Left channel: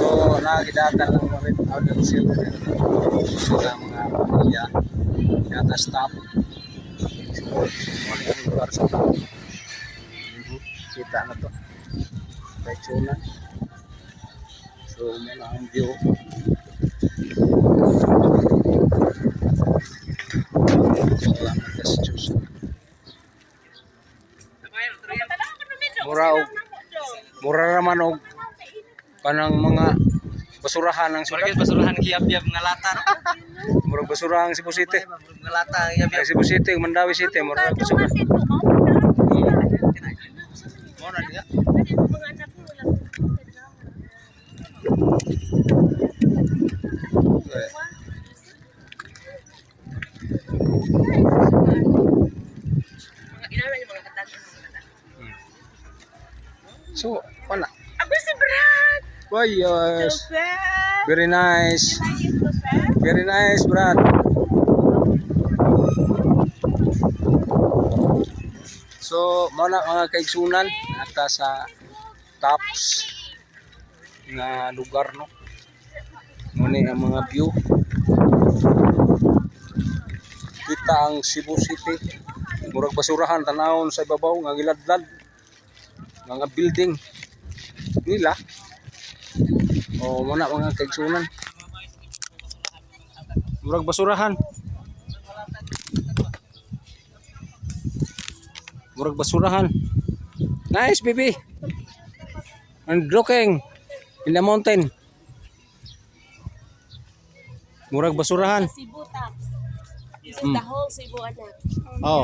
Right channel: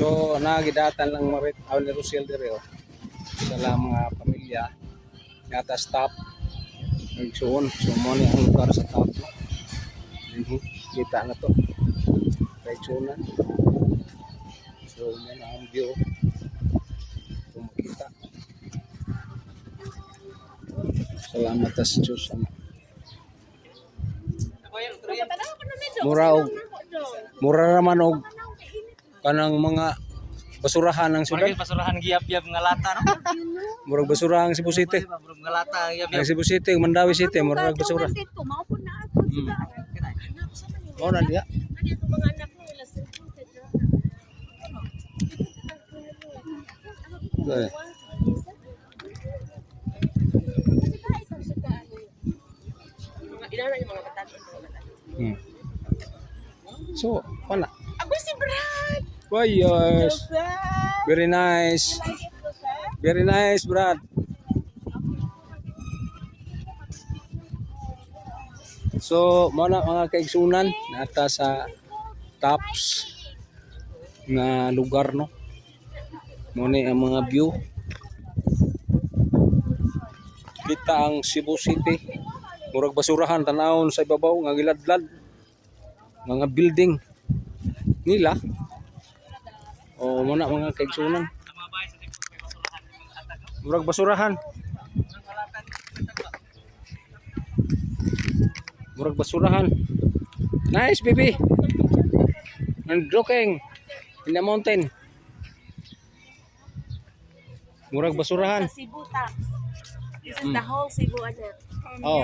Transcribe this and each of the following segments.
So nagidatan lang mo rin ako ni Rosel diri. Sila mga pamilya kata stop. So mo ni ang lugar sa top. Kita na to. Kaitsunan. So mo na ang view. Salamat sa Diyos. Mura raman og kanang mga basurahan ng syudad. Basurahan giyab-yab nga lata. Murag basurahan Cebu City. Nga lata giyab-yab. Cebu City, Mandawi City, murag basura. Oh, nandiya. Okay. So, wala. Ako si Brad. Why, yes. Very nice. Very nice, Brad. So, mana mga kaigsunan nata sa tops na lugar, no. Muna ang mga view. Kita ang Cebu City. Murag basurahan tanawon sa ibabaw nga giladlad. Mga building nila. O muna mga kaigsunan. Murag basurahan. Murag basurahan. Nice, baby. And looking in the mountain. Murag basurahan. Cebu tax. This is the whole Cebu anak. Oh.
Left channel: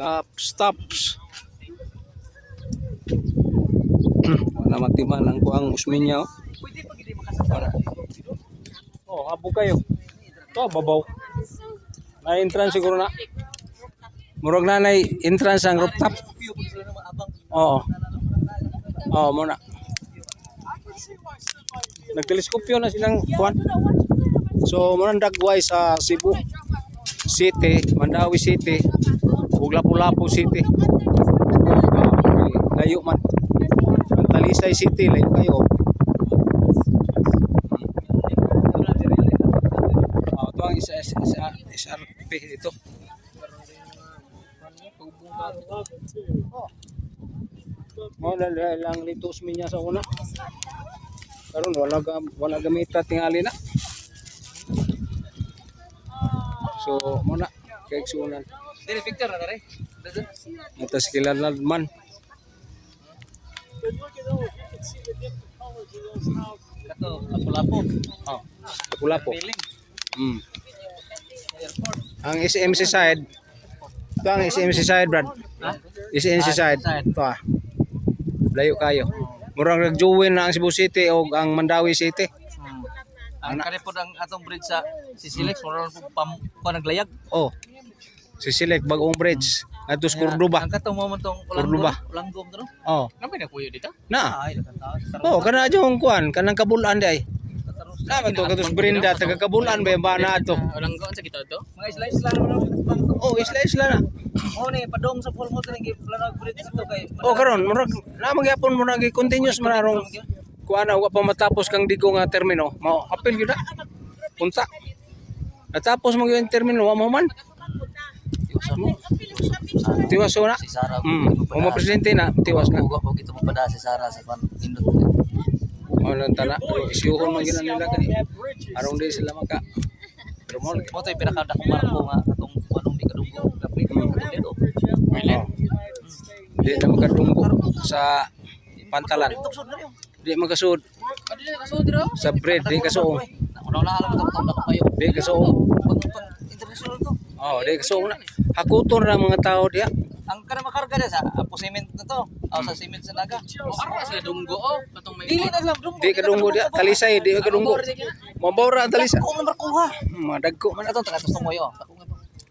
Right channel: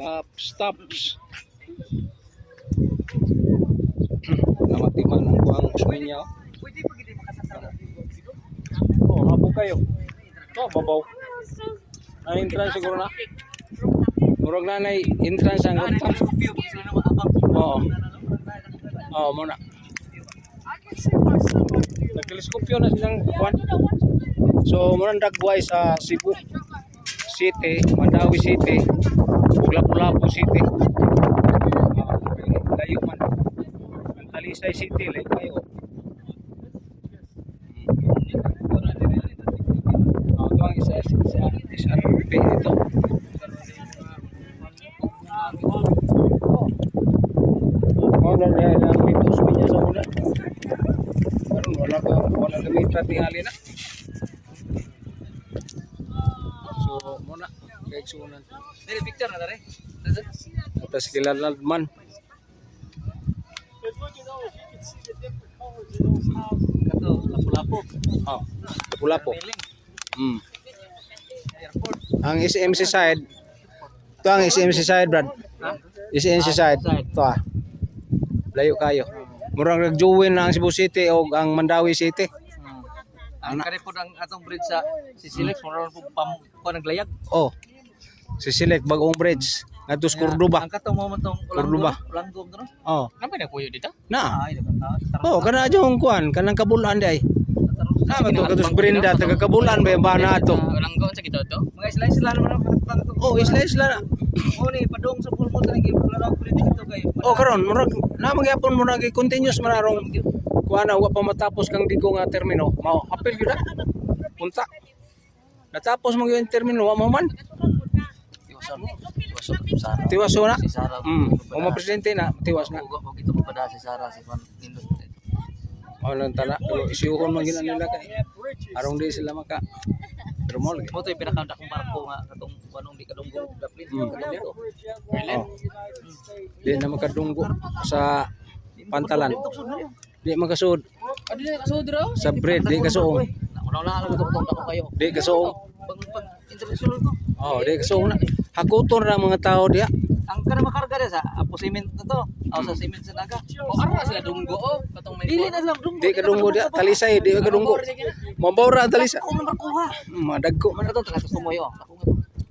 Oh. Stops. Namatiman ang kuang usminya. Oh, habo kayo. To babaw. Ay entrance siguro na. Murag nanay entrance ang rooftop. Oo. Oo, muna. Nagteleskopyo na silang kuan. So, murang dagway sa Cebu City, Mandawi City, ug Lapu-Lapu City. Layo man. Talisay City, layo kayo. Ito ang SRP ito. Wala lang dito suminya sa una. Karon wala gamita tingali na. So muna kay sunan. Dili Victor na dere. Atas kilala man. Kato Lapu-Lapu. Oh, Lapu-Lapu. Ang SMC side. Ito ang SMC side, Brad. SMC side. Ito ah. Layo kayo. Murang nag-join na ang Cebu City o ang Mandawi City. Ang kani pod ang atong bridge sa Sisilex moron ko naglayag. Oh. Sisilek bagong bridge. Ato sa Cordoba. Ang katong mo tong Cordoba. Langgom to no? Oh. Napa na kuyo dito? Na. Ay dapat. Oh, kana jong kuan, kanang kabulan di ay. Na ba to katus Brenda taga kabulan ba ba na ato? Langgom sa kita to. Mga isla-isla naman ang Oh, isla-isla na. oh ni padong sa full mo tanang gipulara bridge dito kay. Oh, karon murag na magyapon mo nag continuous manarong kuan wa pa matapos kang digo nga termino. Mao apil gyud na. Punta. Natapos mo yung termino wa mo man. Tiwas na. Si Sara. O mo presidente na, tiwas na. Ugo kita mo pada si Sara sa pan indot. O lang tala, pero isyuhon man gina nila kay. Arong di sila maka. Pero mo Mo to pinakada ko marko nga atong anong di kadunggo dapat dito. Oh. Di na makadunggo sa pantalan. Di makasud Adi na kasud dira. sa bread, di kasuong. Wala lang ko tong kayo. Di kasuong. International to. Oh, di kasuong na. Hakuton ra mga tao diha. Ang kana makarga sa apo cement na to. Aw sa cement sa naga. O ara siya dunggo o katong may. Dili na lang dunggo. Di kadunggo diha, talisay di kadunggo. Mabaw ra talisay. Ako number kuha. Madagko man Ano to taga tumoy o.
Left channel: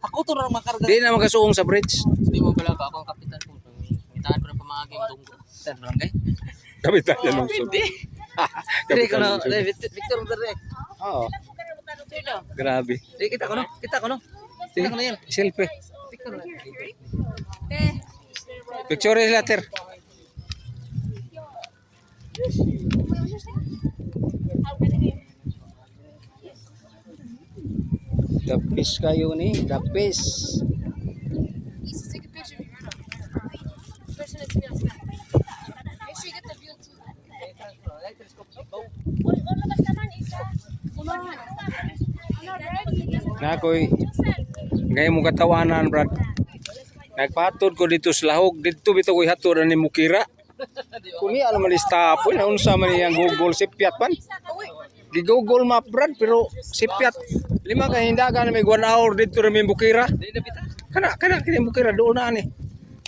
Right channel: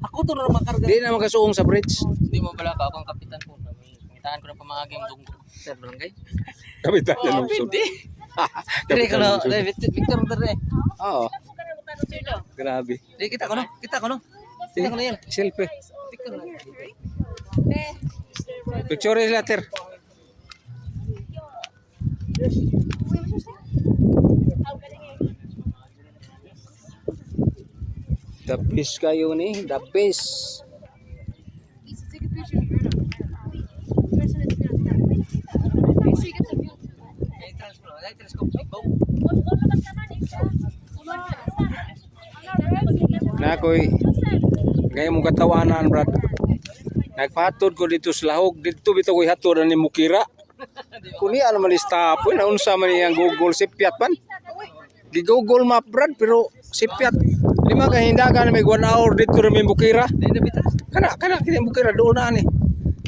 Ako to ra makarga. di na makasuong sa bridge. Di mo pala ka akong kapitan po. Ngitaan pero pamaging dunggo sa barangay. Kapitan na lungsod. Dili ko no. Victor dere. Oo. Grabe. Di kita ko no. Kita ko no. Sige, selfie. Victor na. Picture later. The fish kayo ni, the fish. Let's take a picture of your person is going to make sure you get the view too. Na ako'y ngayon mong katawanan, brad. Nagpatod ko dito sa lahog. Dito bito ko'y hatod ni Mukira. Kuni ano man stop. Uy, naunsa man niyang Google sipiat pan. Di Google map, brad. Pero sipiat. Lima ka hindagan may 1 hour dito rin may Mukira. Kana kini Mukira doon na ni.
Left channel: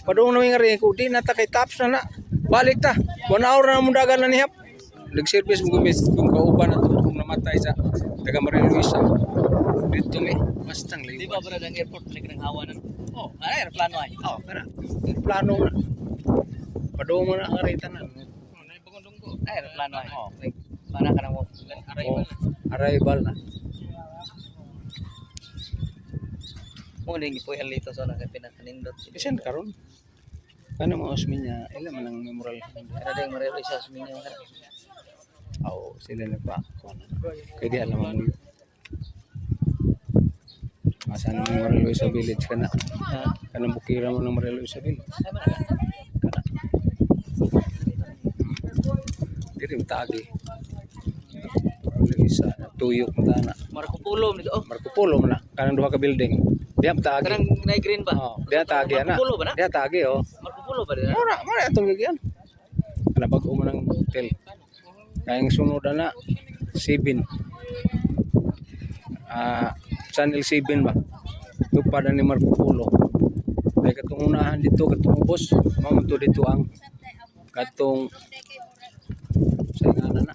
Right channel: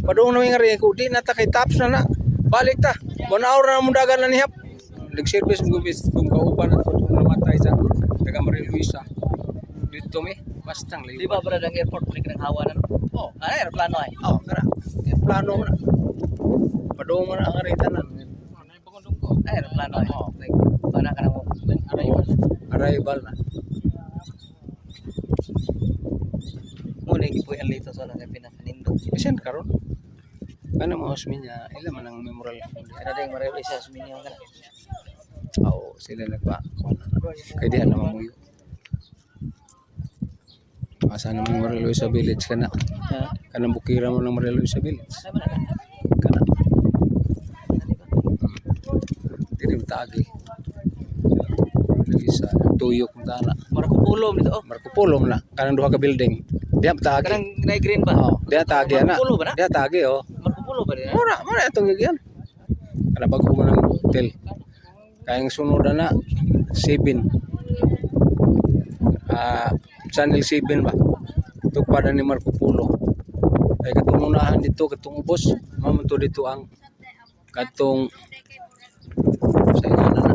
Padoon na nga rin ko. Di na ta kay taps na na. Balik ta. 1 hour na mundagan na nihap. Nag-service mo gumis kung kauban at kung namatay sa taga Maria Luisa. Dito mi, bastang layo. Di ba brad ang airport may kanang hawa na? Oh, aeroplano ay. Oh, kana. Plano mo na. Padoon mo na ang arita na. Aeroplano ay. Oh, para ka na mo. Arrival na. Muna yung ipoy alito sa lang pinakanindot. Isan karon? Ano mo osmin niya? Ilan man ang memorial? Kada ding mareho siya sa minyo kana. Oo, sila nagpa. Kaya di alam mo. Asa na may Maria Luisa Village kana. Kanang bukira mo ng Maria Luisa Village. Kana. Dili mo tagi. Luisa, tuyok mo tana. Marco Polo dito oh. Marco Polo na. Kanang duha ka building. Diya mo tagi. Kanang nay green ba? Oo, diya tagi na. Marco Polo ba na? Diya tagi oh. Marco Polo ba din? Mura itong gigyan. Kana bago mo ng hotel. Kayang sunod na 7. Channel 7 ba? Ito pa ni Marco Polo. Kaya katong unahan dito, katong ubos. Mamunto dito ang katong sa na.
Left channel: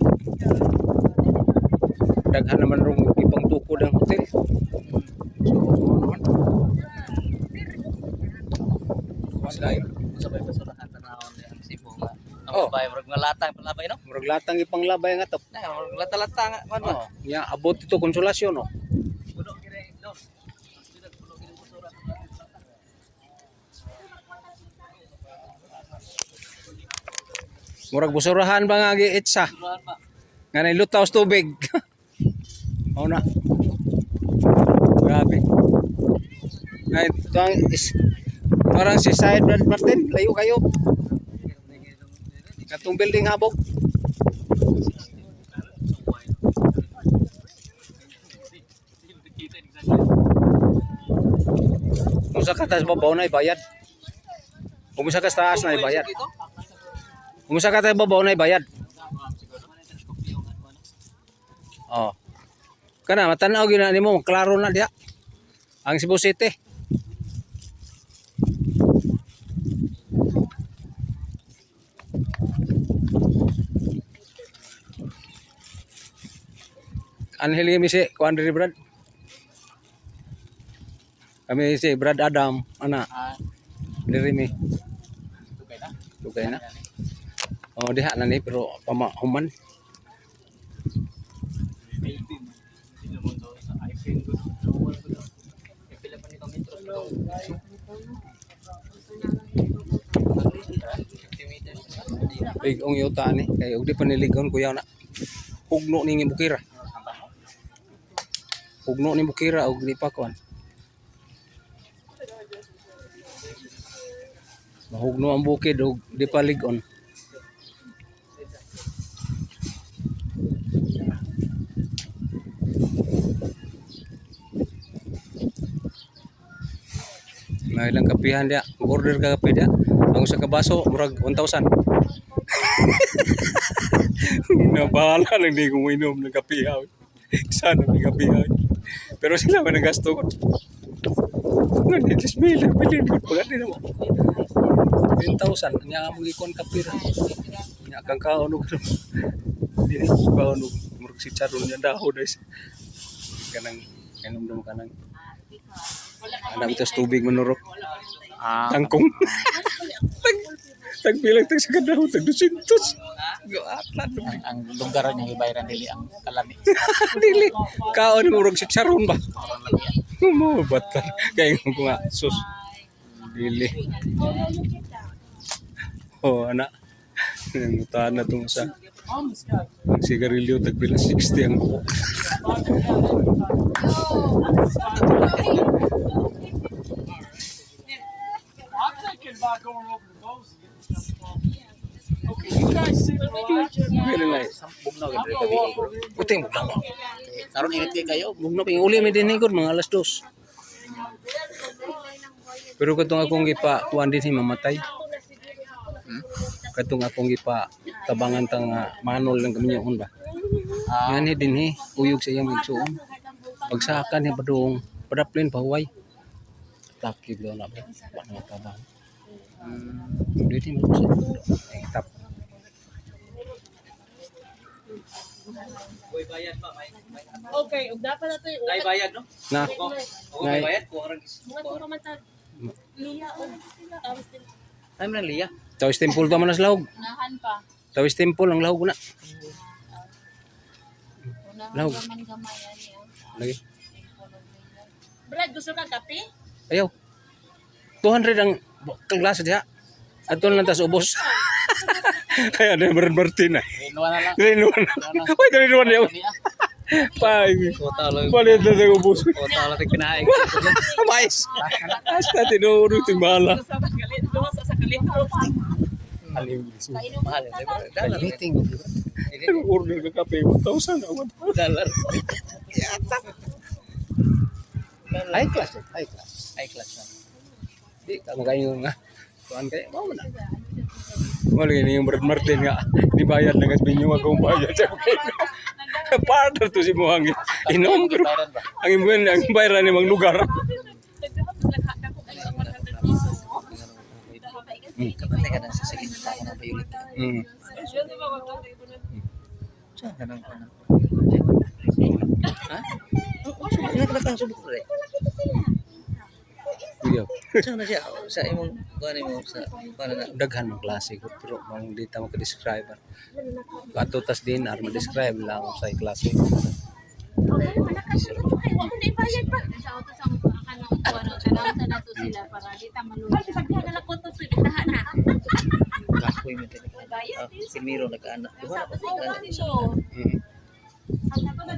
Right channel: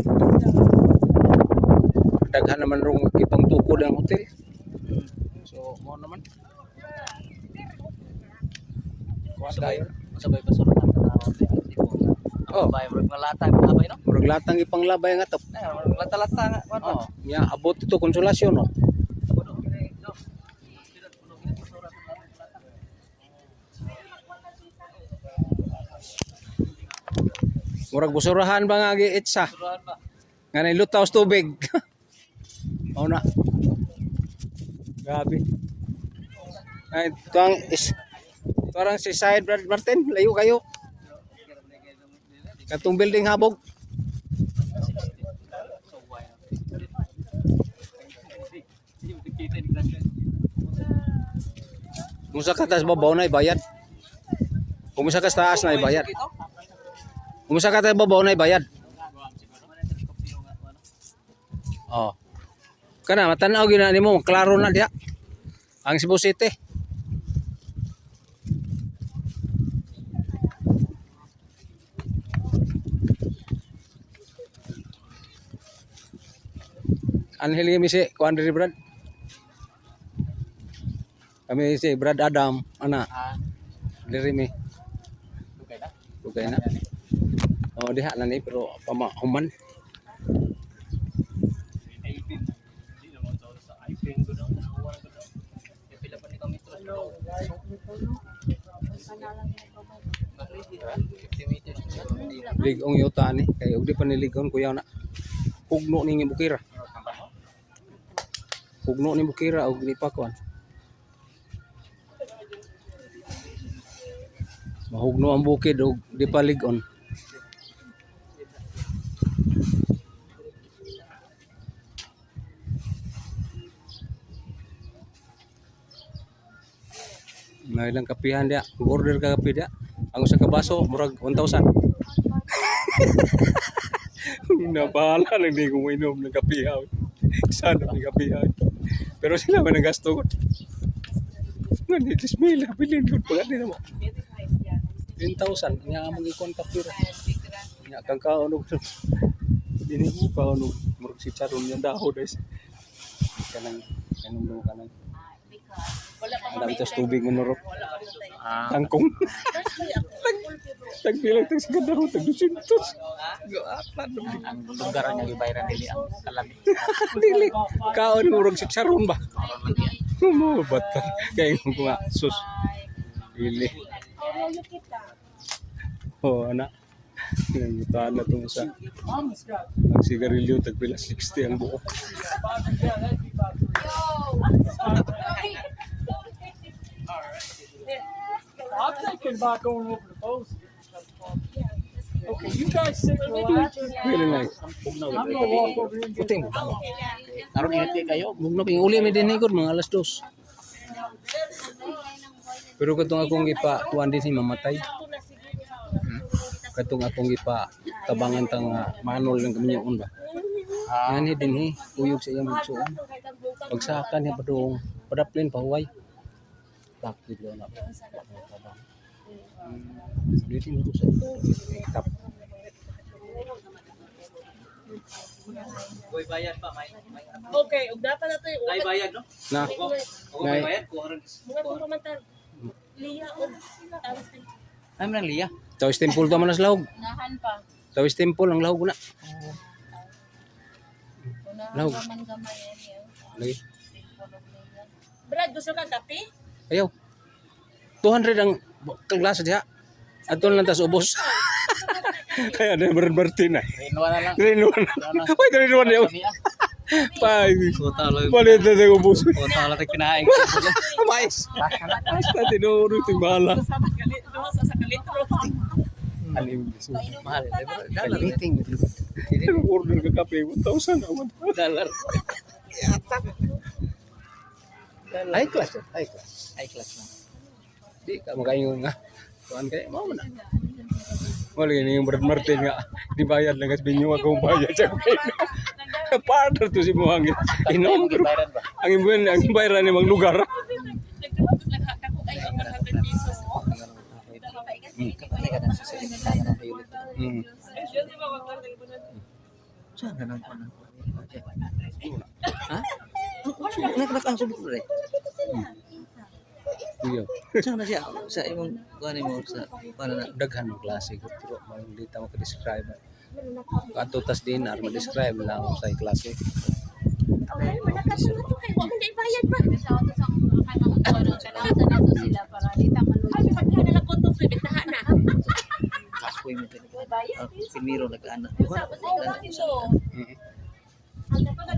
Daghan naman rong ipang tukod ang hotel. So, mo naman. Sabay ba sa lahat na ako sa Cebu? Oh. Bay murag malata yung labay no? Murag latang ipang labay nga to. Murag lata-lata nga man. Oh, nya abot ito konsolasyon no. Murag busurahan ba nga giitsa? Suruhan ba? Nga na lutaw sa tubig. Mao na. Grabe. Ngay tang is parang si Side Brad Martin, layo kayo. Katong building habog. Kung sa katas babaw na ibayad. Kung sa taas na ibayad. Kung sa katas babaw na ibayad. Oh. Kana matanaw gina nimo, klaro na diha. Ang Cebu City. Anheli mi si kuan diri Brad. Kami si Brad Adam, ana. Diri mi. Dugay na. Oh, diha na ni pero pamahuman. Ligong yuta ni kay ug di pa niligon kuya na. Hugno ni Bukira. Hugno ni Bukira ug di pa kuan. Mahugno ang bukid ug di pa ligon. May ilang kapihan dia, order ka kape dia. Ang sa kabaso murag 1,000. Nabahala lang di ko mainom ng kape. Sana ng kape. Pero sila man ang gasto ko. Ngani dismila bilin ko pag di mo. 10,000 nya mo gikon kape ra. Nya kang kaon og dili ko kaon og murag si charon nya daho guys. Kanang inom kanang ada itu tubig menurut tangkong tagbilang tag sa kadahon tag 200 goatlan Ang lugar niya gibayaran dili ang kalami. dili kaon murag si charon ba mo batan kay ko nga sus dili oh anak Nangutaan na itong sa ang sigarilyo, tagpila 60 ang buo. I'm thinking about going over to Bose and getting stuff from. Okay, you guys sit relax. Very nice. I'm gonna walk over here and get Puting bugnaw. Karon ingat kayo. Bugnaw ping uli mi din higod mga alas 2. Pero katong akong gipa tuan din si mamatay. Katong akong gipa tabangan tang manol ng kaminyoon ba. Yan din uyog sa iyang igsuon. Pagsakan ni padung padaplin pahuway. Takib daw na ba. Ano tabang. Dito mo sa tap. Boy bayad pa may. Okay, ug dapat na to yung Dai bayad no? Na. Ngay bayad ko orang. mga tumamantan. Liya o tapos din. Ay man liya. Tawis temple to manas lahog. Unahan pa. Tawis temple ang lahog na. Unahan Lahog. man gamay yan yan. Lagi. Brad, gusto ka kape? Ayaw. 200 ang klase diha. Aton lang tas ubos. Kaya na Martin na. Renwa na lang. Rinuan. Ay, rinuan niya. Pay. Kota lang. Palit na sa ubos. Kota lang tig pinaing. Mais. Hasta tinuro ting bala. Sa kalit, sa kalit. Alim. Mahal. Kaliting. Order ka kape 1,000 awan. Dollar. High class. High class. High class lang. Di ka makaingon nga. Tuan kay mau na. Wala ni yung Brad Martin nga. Dibayad na kasi binyo akong bayad sa kaino. Partner to si Muhangin. Inom pero Bayaran ba? ang bayaran ni mga lugar. Kapatay ka na sa salita ka ng violet. Mm. Saan ka nang kunan? Ha? Ilan ka kang subok re? Iyo. Saan na siya? Sa imong kuan mo sa para na Daghan ng klase ko pero mang di ta maka-describe. Kato tas din ar ma-describe lang sa klase. kahoy mo talaga. Silmiro nag-ana. Wala pa sa Mm.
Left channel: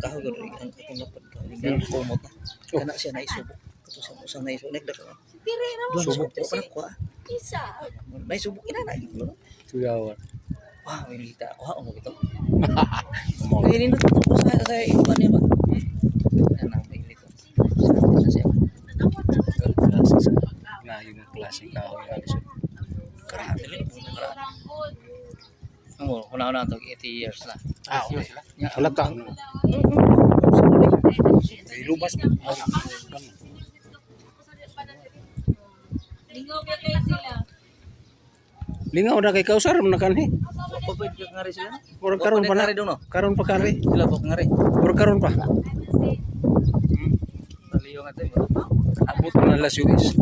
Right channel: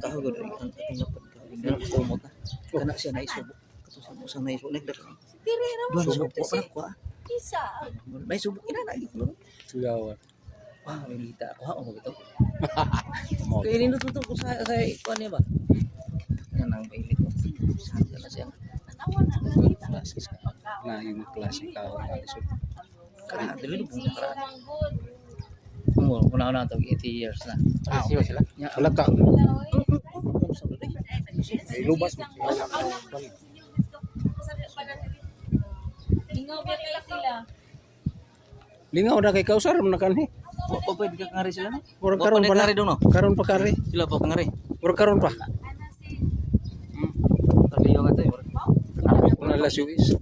kahoy ko rin ang dapat ka. Hindi na kumot na. Kana siya naisubo. Kato sa usang naisubo nagdaka. Subok po pa ko. Isa. Naisubo ina na ito. Suyawan. Wow, ilita. Wow, mo ito. Mo. Kaya nindot to sa iban niya ba? Yan ang pailit. Sa siya. Klase sa na yung klase ka nga lisod. Karaan, dili mo karaan. Mo, una to 80 years na. Sila. Ya, Wala ka. Ay lubas. Lingaw ba kayo sila? Lingaw na kay kausar mo na kanhi. o pwede ka ngari sila no? Murag karon pa na. Ngari doon no? Karon pa kare. Sila po ngari. Murag karon pa. Liyo nga tayo. Ako na las US.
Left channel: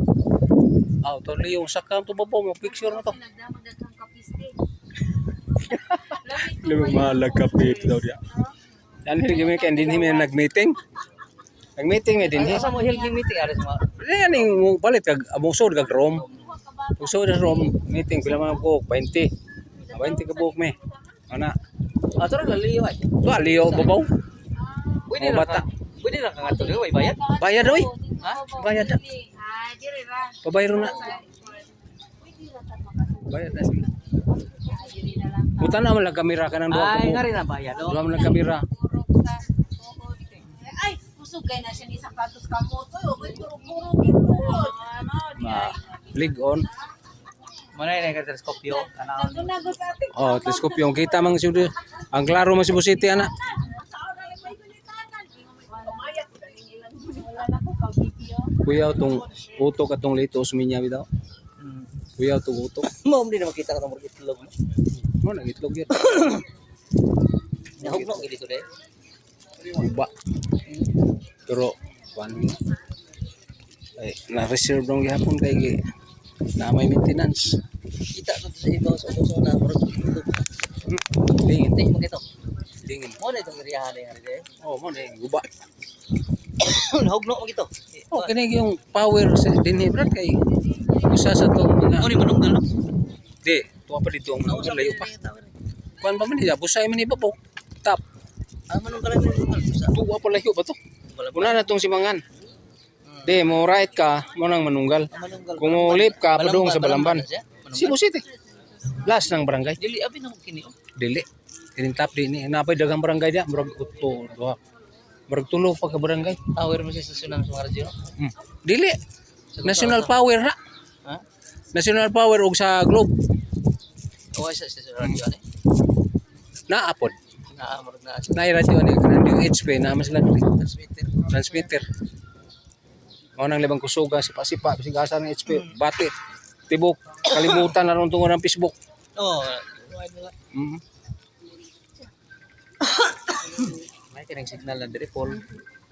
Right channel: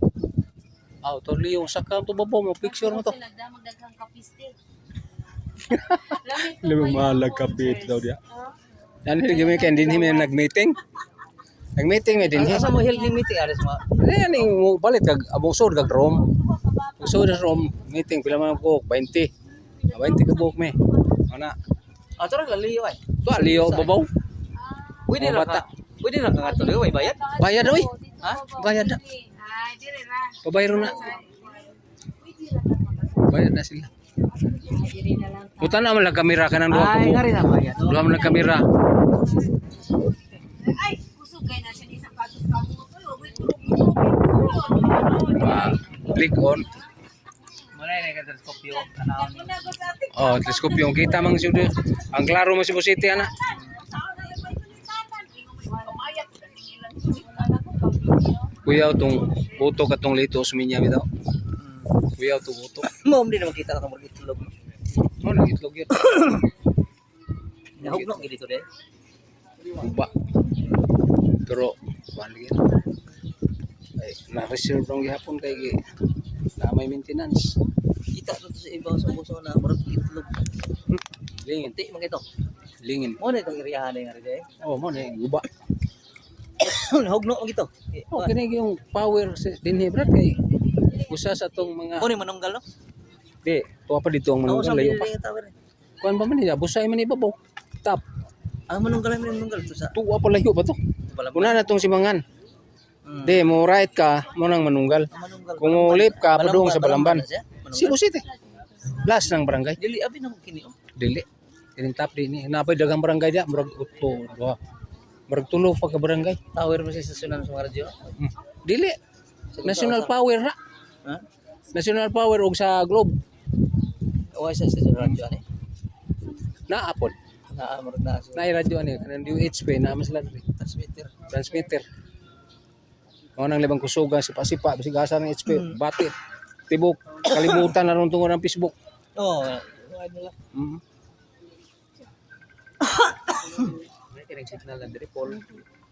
Aw, to liyong saka to babo mo picture mo to. Sila magdaghang kapiste. Lamang mahalag kapit daw dia. Yan hindi kay din himi nag-meeting. Nag-meeting mi din he. Asa mo health meeting ares mo? Yan ning palit kag among sod kag rom. So the rom meeting pila man ko 20. 20 ka buok me. Ana. Ah, tara ka liyo ay. To aliyo babaw. Pwede Mga ra bata. Pwede ra ka tuloy way bayad. Bayad oy. Ha? Bayad na. Ay, dire ra. Pabayro na. Bayad na sila. Ay, dire na lang. Buta na man lang kamera kanang duha ka Ay, buok. ngari na bayad. Duha man lang kamera. Ay, kusugay na siya ni sapatos ka mo to. Oy, turog mo. Click on. Manay na ka teleskopyo. Nagos ate. Oh, teleskop yung kita mang sudo. Ang klaro man si City ana. Kuya tong utok atong lito suminya bitaw. Kuya tong utok. Mo di na makita ka tong itlog. Mo nang itlog yun. Nahugno gid dito de. Uba. Pero kuan gyud. Ay, na-reserve lang gihapon kay na may maintenance. Kita to sa ibang sa puso na murag itlog. Lingin, Tingin mo kito. lingin. Mo na itong iriyahan na ngari de. Oh, mo na uba. Nahugno mo gito. Oh, kini yung power sa dinhi brad kay isa sa tong mga Mo ni manunggal no? Di, tuwa pa dito ang manunggal, layo pa. Kuan pa man niya, busay man ibabaw. Tap. Ang manunggal to sa Tuwa pa layo ba to? Balabas. Una na tong simangan. Di, mo right ka, mo nang manunggal. Ang manunggal. Kung mo lip ka, padung sa Balamban. Manunggal. Cebu City. Last ng barangay. Dili abi na ko kini. Dili. Kining tap di ni. Napay dagang barangay dia, murag utpo, duha. Murag tulo pa ka barangay. Tower mo sa sunan sa radyo. Dili. National Power na. Ha? National Power og sa Globe. O sa radyo ani. Naapod. Naamor na sa Na radyo ni kanang UHP na mas lang transmitter. transmitter. Mao nang libang kusuga sipa-sipa bisig asa ng HP batit. Tibok kalimutan na ron tungod ng Facebook. Oh, wala nila. May tinang signal na dire Paul.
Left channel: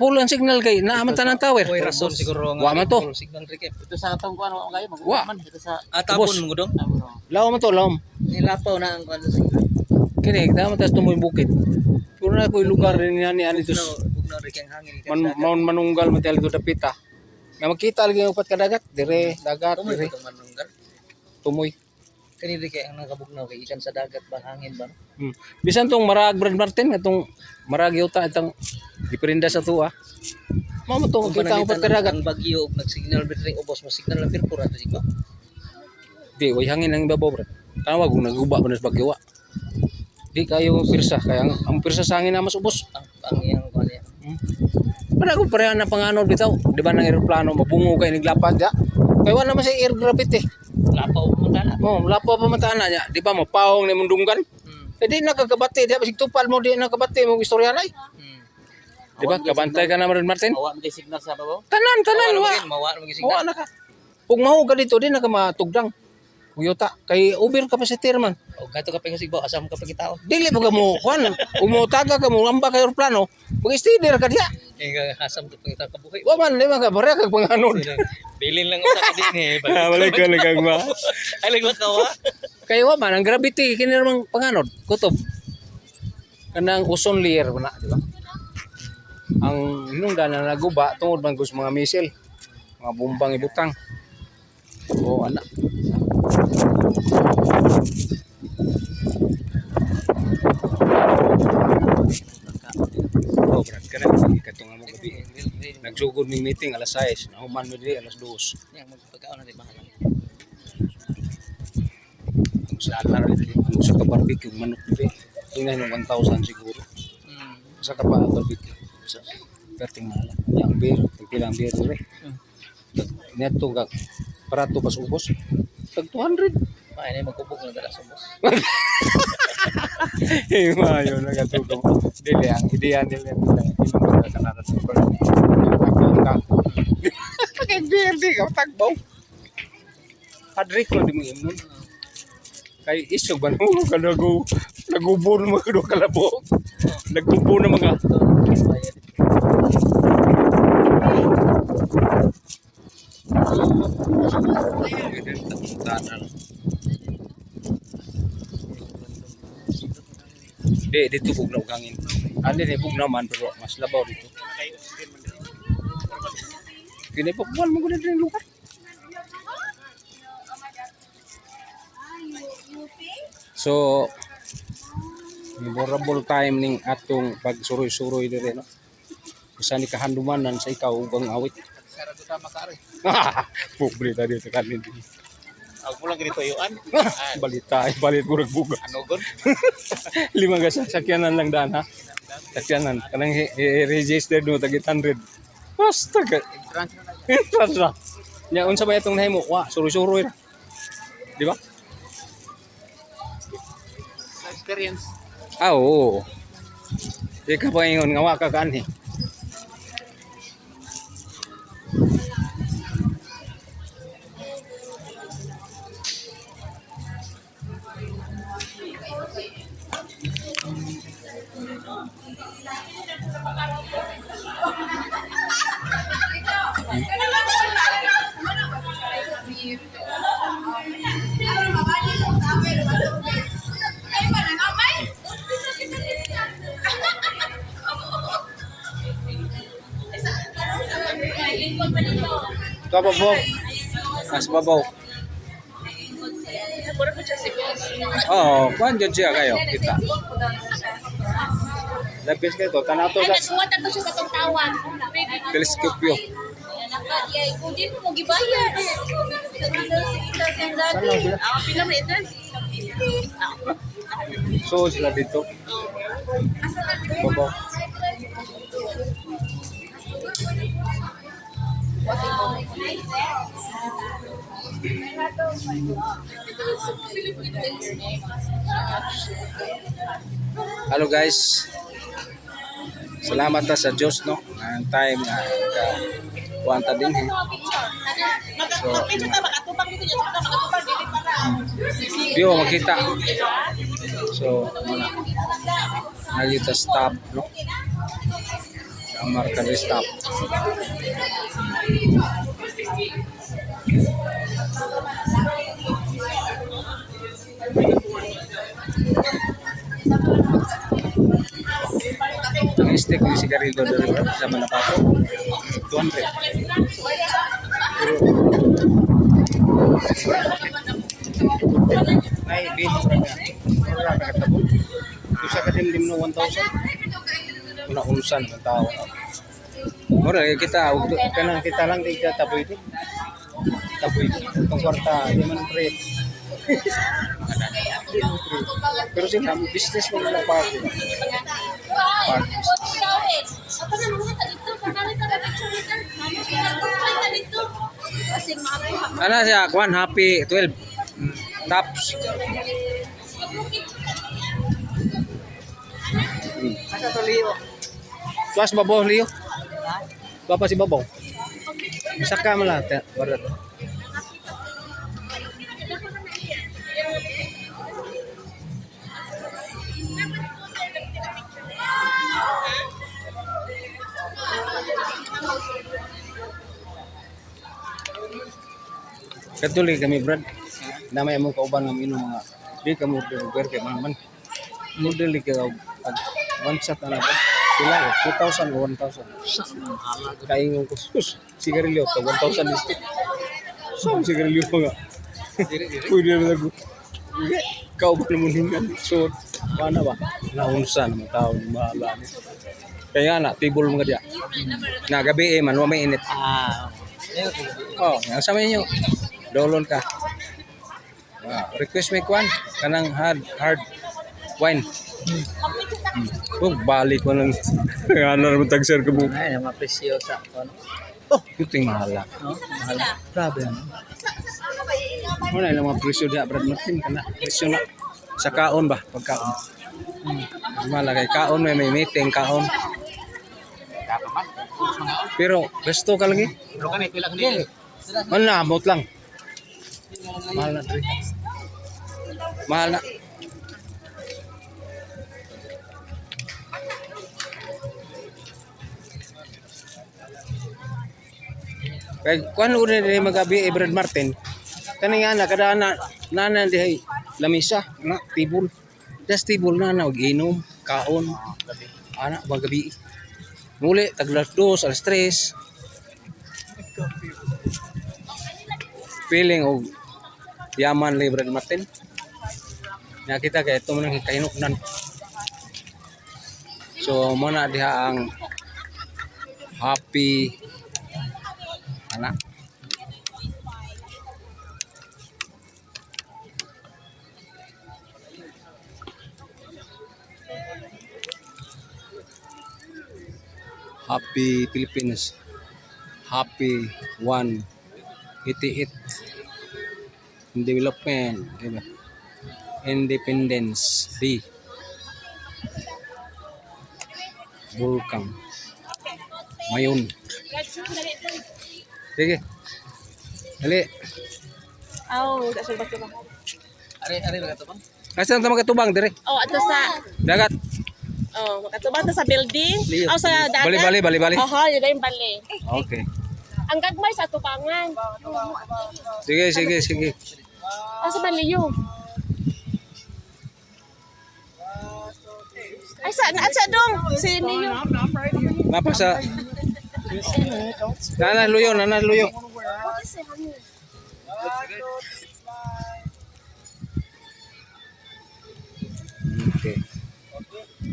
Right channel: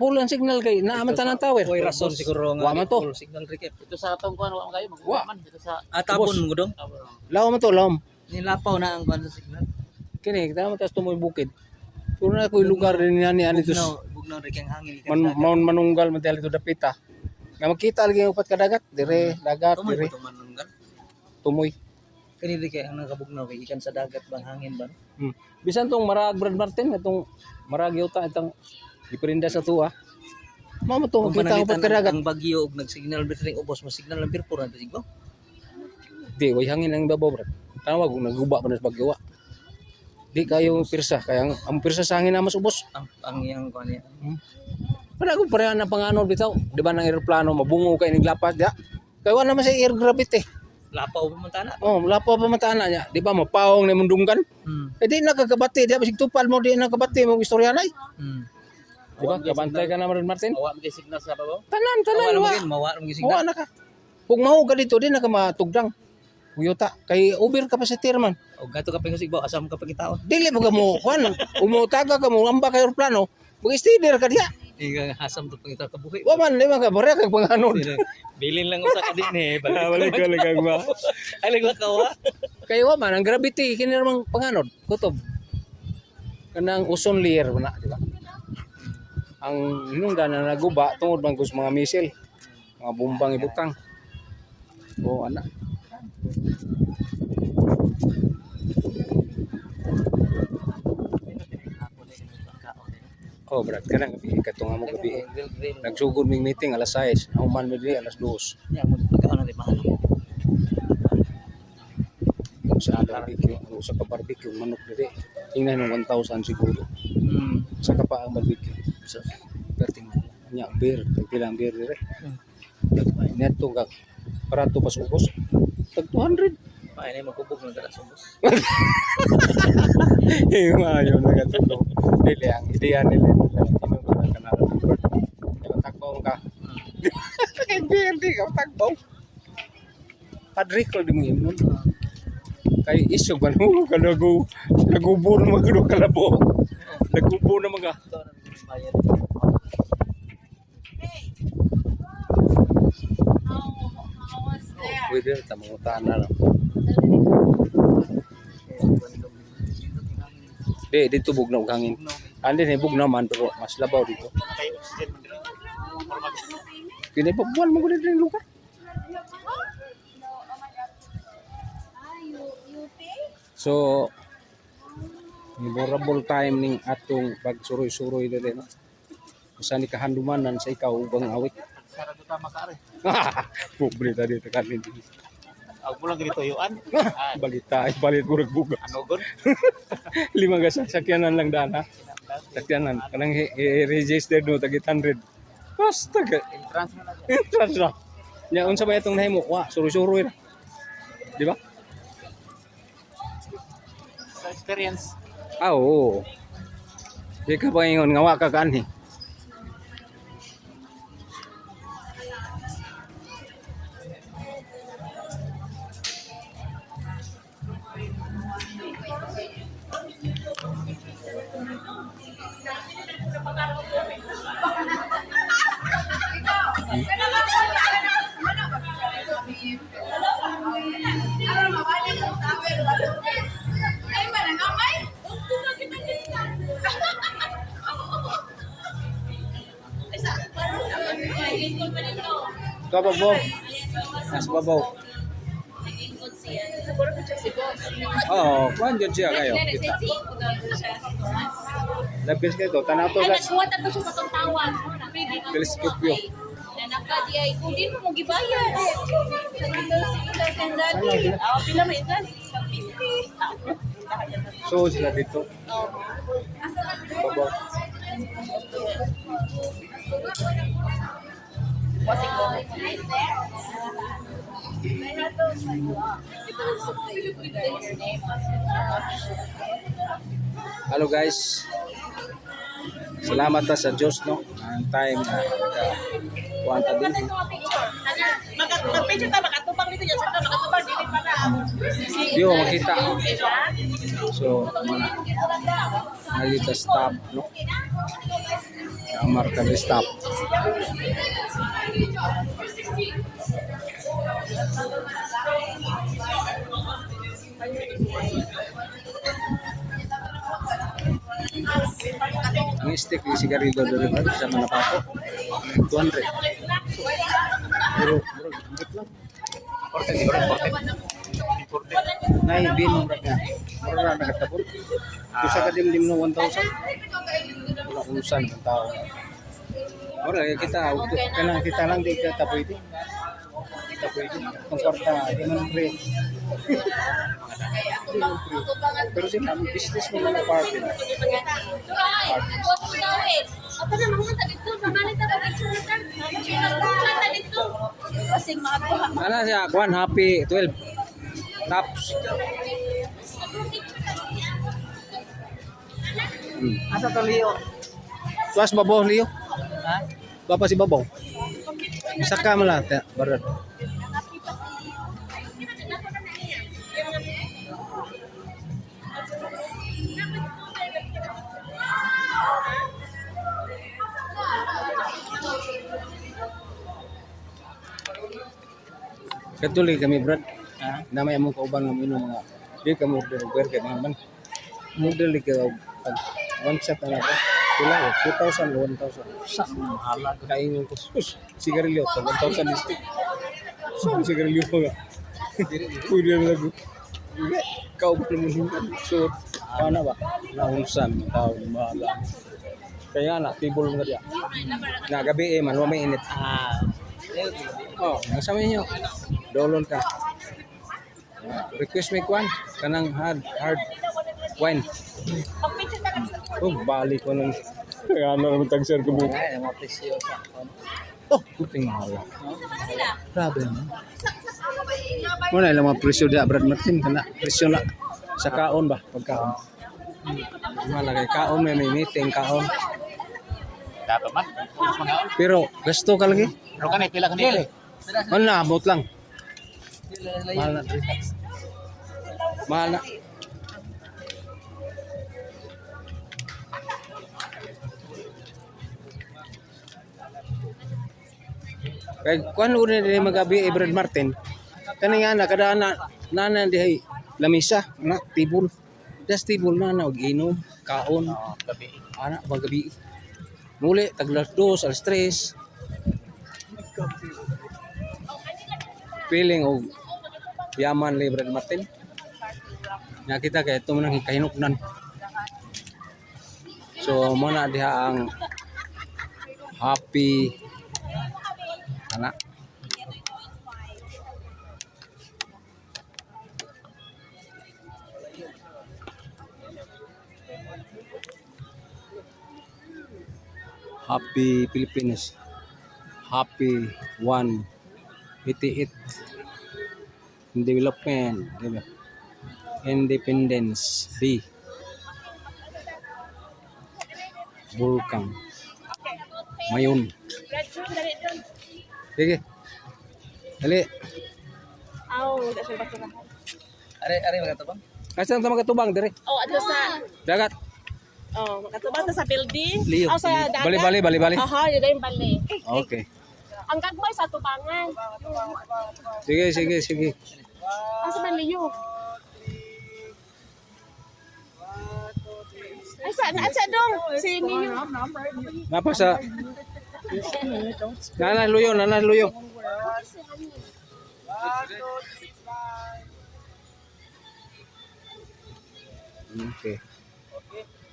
Full ang signal kay naaman tanang tower. Oy rason siguro Wa man to. full signal recap. Ito sa atong kuan wa kayo Wa. magman ito sa atapon mo dong. Laom to, laom. Nilapaw na ang kuan sa signal. Kini tama tas tumoy bukid. Puro na ko'y lugar din ni ani tus. Bugnaw re kang hangin Manunggal man dito dapita. Nga makita lagi upat ka dagat, dire dagat, dire manunggal. tumoy. Kani ri kay ang nakabugnaw kay ikan sa dagat bang hangin ba? Bisan tong Marag Brad Martin atong Marag yuta itong diperinda sa tuwa. Mao mo to kita upat ka dagat. Ang bagyo og nagsignal betring ubos mo signal lang pirpura to siguro. Di way hangin ang ibabaw brad. Tawag kung naguba pa nas bagyo wa. Di kayo pirsa kaya ang pirsa sa hangin na mas ubos. Ang iyang kuan niya. Para ko pareha na panganod bitaw. Di ba nang eroplano mabungo kay niglapad ya. Kaya wala man sa air gravity. Lapaw mo tana. Oh, lapo pa matana niya. Di ba mapawong ni mundunggan? Eh di nakakabati, di ba sig tupal mo di nakabati mo istorya nay. Di ba kabantay ka na Brad Martin? Mawa mo kay signal sa babaw. Tanan wa. Mawa mo kay Wa signal. na ka. Kung mahu ka dito di na ka matugdang. Uyota kay Uber ka pa sa tirman. O gato ka pa sigbo asam ka pa kita. Dili mo ka mo kuan, umutaga ka mo amba kay eroplano. Mag-steader ka diha. Nga hasam to pangita ka buhi. Wa man di man ka bare kag panganod. Bilin lang usa ka din eh. Balik ka lang ma. Alag ka wa. Kay wa man ang gravity kini namang panganod, kutob. Kanang ozone layer na, di ba? Ang hinungdan na naguba tungod man kus mga missile, mga bombang ibutang. O ana. Oh, brad, kana katong amo gabi. Nagsugod ming meeting alas 6, nauman mi diri alas 2. Yang magpagkaon na di mahal. Kung saan na rin kung sa ka-barbecue manok diri. Tingnan ng 1,000 siguro. Sa ka-barbecue. So, perting mahal. Yang beer, pilang beer diri. Neto ka parato pas ubos. Tag 200. Ay na magkubog na dala sa boss. Mayo na katulong. Dili ang ideya nila hindi man kanala sa ko. Takbo ka. Kay beer di ka takbo. Padre ko di mo imnon. Kay isog ban mo nagubo na mga kalabo. Nagubo na mga pwede tamutan na lang. Dito bugnaw hangin. Andi ni bugnaw man pero mas labaw dito. Kini pa buwan mo gud din lugar. So memorable time ning atong pagsuroy-suroy diri no. Usa ni kahandumanan sa ikaw ubang awit. Sarado ta makare. Pobre ta dito kanin. Ako mo lang ganito yuan. Balit ko ragbuga. Ano gon? 5 ka sasakyanan lang daan ha. Sakyanan kanang registered no tag 800. Basta ka. Entrance na na. Entrance na. Nya unsa ba itong nahimo? Wa, suroy-suroy ra. Di ba? Sa experience. Ah, oo. Di ka pa ingon nga wa ka kanhi. Kababaw. Mas babaw. Oo, kuhan dyan siya kayo. Kita. Labis kayo to. Tanaw to sa Nagkuha na to siya sa tawag. teleskopyo. Nakadiay ko din mo gibayad. Sa dito pila man ito? 50. So, sila dito. Babaw. Hello guys. Salamat ta sa Diyos no. Ang time na kuwanta din. Magpicture ta makatubang dito sa makatubang dili para Di mo makita. So, muna. Nagita stop no. Ang marka na stop. Ang stick ni sigarilyo dari sa Manapato 200. Pero nay binom ra niya. Ora nakatabot. Kusa ka dimdim no 1,000. Una unsan ang tao. Ora kita kanang kita lang di ka tapoy di. Tapoy di. Ang kwarta di man pre. Pero sila business mo na party. Ano siya? Kwan happy 12 tops. Asa to Leo? Tuas babaw Leo. Ha? Bapa si babaw. Bisa ka mo lang barat. Katuloy kami Brad. Namay mo kauban ng inom mga di ka mo order kay mga man. Model ka pag one shot na ba? Sila 2,000 o 1,000. Sa mahala. Kaingon ko sus sigarilyo to 1,000 listik. So sigarilyo pa nga. Pwede na lagu. Kau ba naman hingan? So paano ba? Naunsa naman tao ni mahala. Kaya na table mga dia. Na gabi man wa may init. Ah. Oh, yang sama niyo. Dolon ka. Request me kwan kanang hard wine. Oh, balik ko lang. Ano naman tag-share ko mo. Ay, ang mga presyo sa ano. Oh, yuting mahala. Mahala. Grabe no. Wala lang mga presyo dia Brad Martin kana presyo na sa kaon ba pagkaon. Mahala kay kaon may meeting kaon. Pero gasto ka lagi. Pero kanay pila kanay. Ano na amot lang. Mahal na dre. Mahal na. Kay kuan uri ni magabi Brad Martin. Kani nga na kada na dihay lamisa na tibul. Das tibul na og inom, kaon, Gabi. ana magabi. Muli taglas 2 alas 3. Feeling og yaman ni Brad Martin. Nya kita kay ito man kahinuknan. So muna diha ang happy ana Happy Philippines. Happy 188 development Independence Day. Bulkang Mayon. Sige. Dali. Are mga to bang? Asan ta magatubang dire? Oh, ato sa Dagat. makatubang ta sa building. Liyo. Oh, sa dagat. Bali. Oo, yun na yung bali. Okay. Ang gagmay sa tubangan. Sige. Asa man liyo? Ay, sa dong. Si Niyo. Napa sa Nana luyo.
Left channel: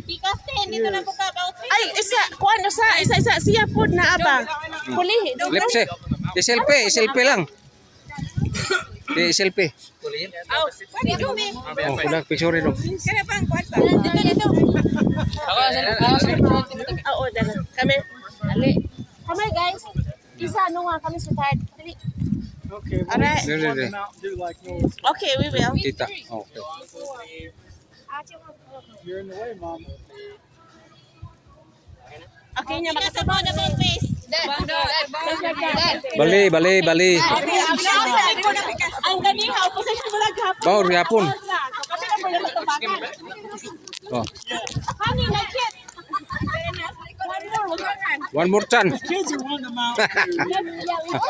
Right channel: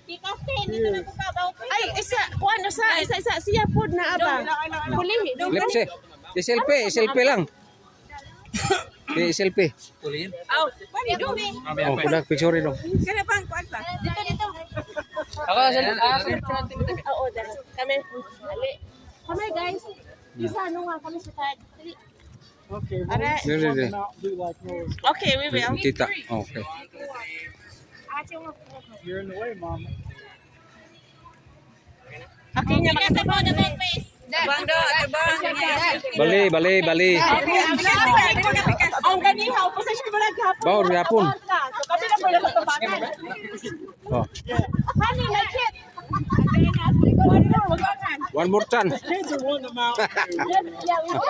Ay, kuan isa siya pod na aba. Pulihin. Lipse. Selfie lang. Selfie. Pulihin. Oh, kulang picture dong. Oo, dala. Kami. Ali. Kami guys. Isa nga kami sa card. Dali. Okay, well, Alright. let's run them out and do like Noah's. Okay, we will. Tita. Okay. You're in the way, Mama. Okay niya makasabot na please. Bali. Ang ganiha opposition mo naghapon. Baur yapon. So kami na pala matubagan. Oh, Honey, like it. one more chance. Kids are wanting them out. Yeah, we will.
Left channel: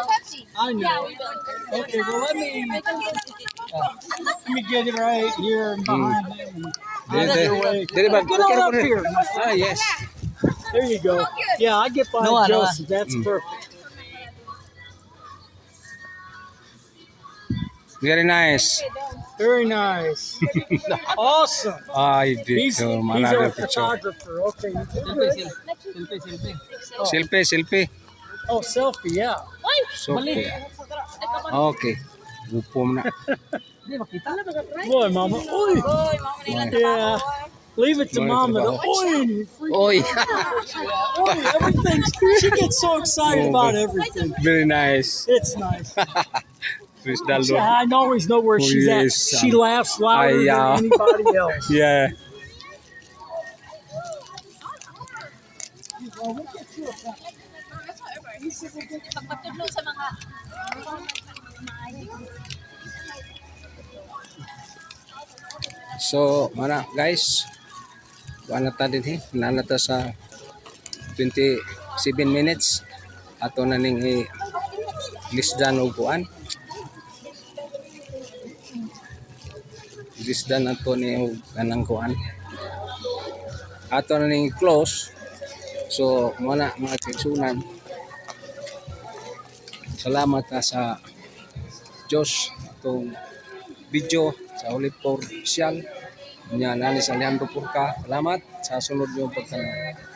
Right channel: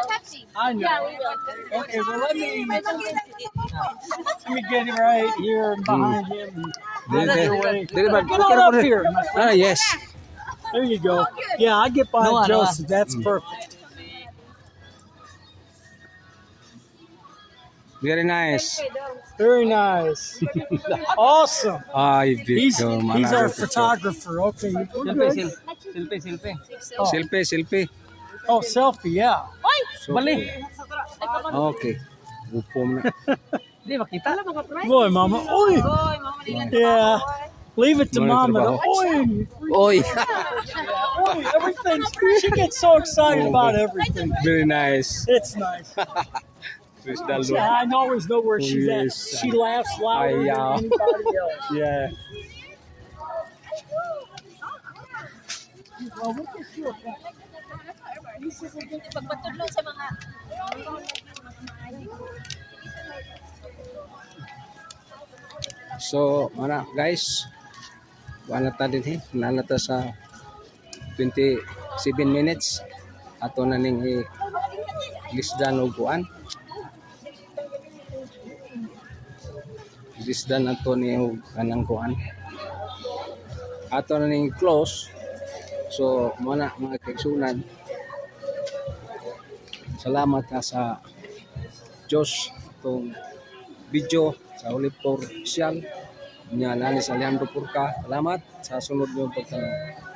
I know. Yeah, we will. Okay, well, let me get it right here and behind him. Dili ba? Get on up here. Ah, yes. There you go. Yeah, I get behind Noah, Joseph. That's perfect. Very nice. Very nice. Awesome. Ay, He's dito. our Manalo picture. photographer. Okay, we're good. Selfie. Oh, selfie, yeah. So, okay. Upom na. Boy, Mama. Oy. Yeah. Leave it to Mama Mama. trabaho. Oy. Oy. Oy, everything. She gets so excited Oh, about but- everything. Very nice. It's nice. Chris Daldo. I always know where Oh, she's at. yes. She laughs louder Ay, yeah. than anybody else. Yeah. Well, we'll get you a pack. So, mana guys. Wala ta din nanata sa 27 minutes. Ato na ning lisdan og kuan. Lisdan ato ni og kanang kuan. Ato na ning close. So, mana mga kaigsunan. Salamat na sa Diyos itong video sa Olipor Official. Nya nani sa Alejandro Purka. Salamat sa sunod niyong pagtanong.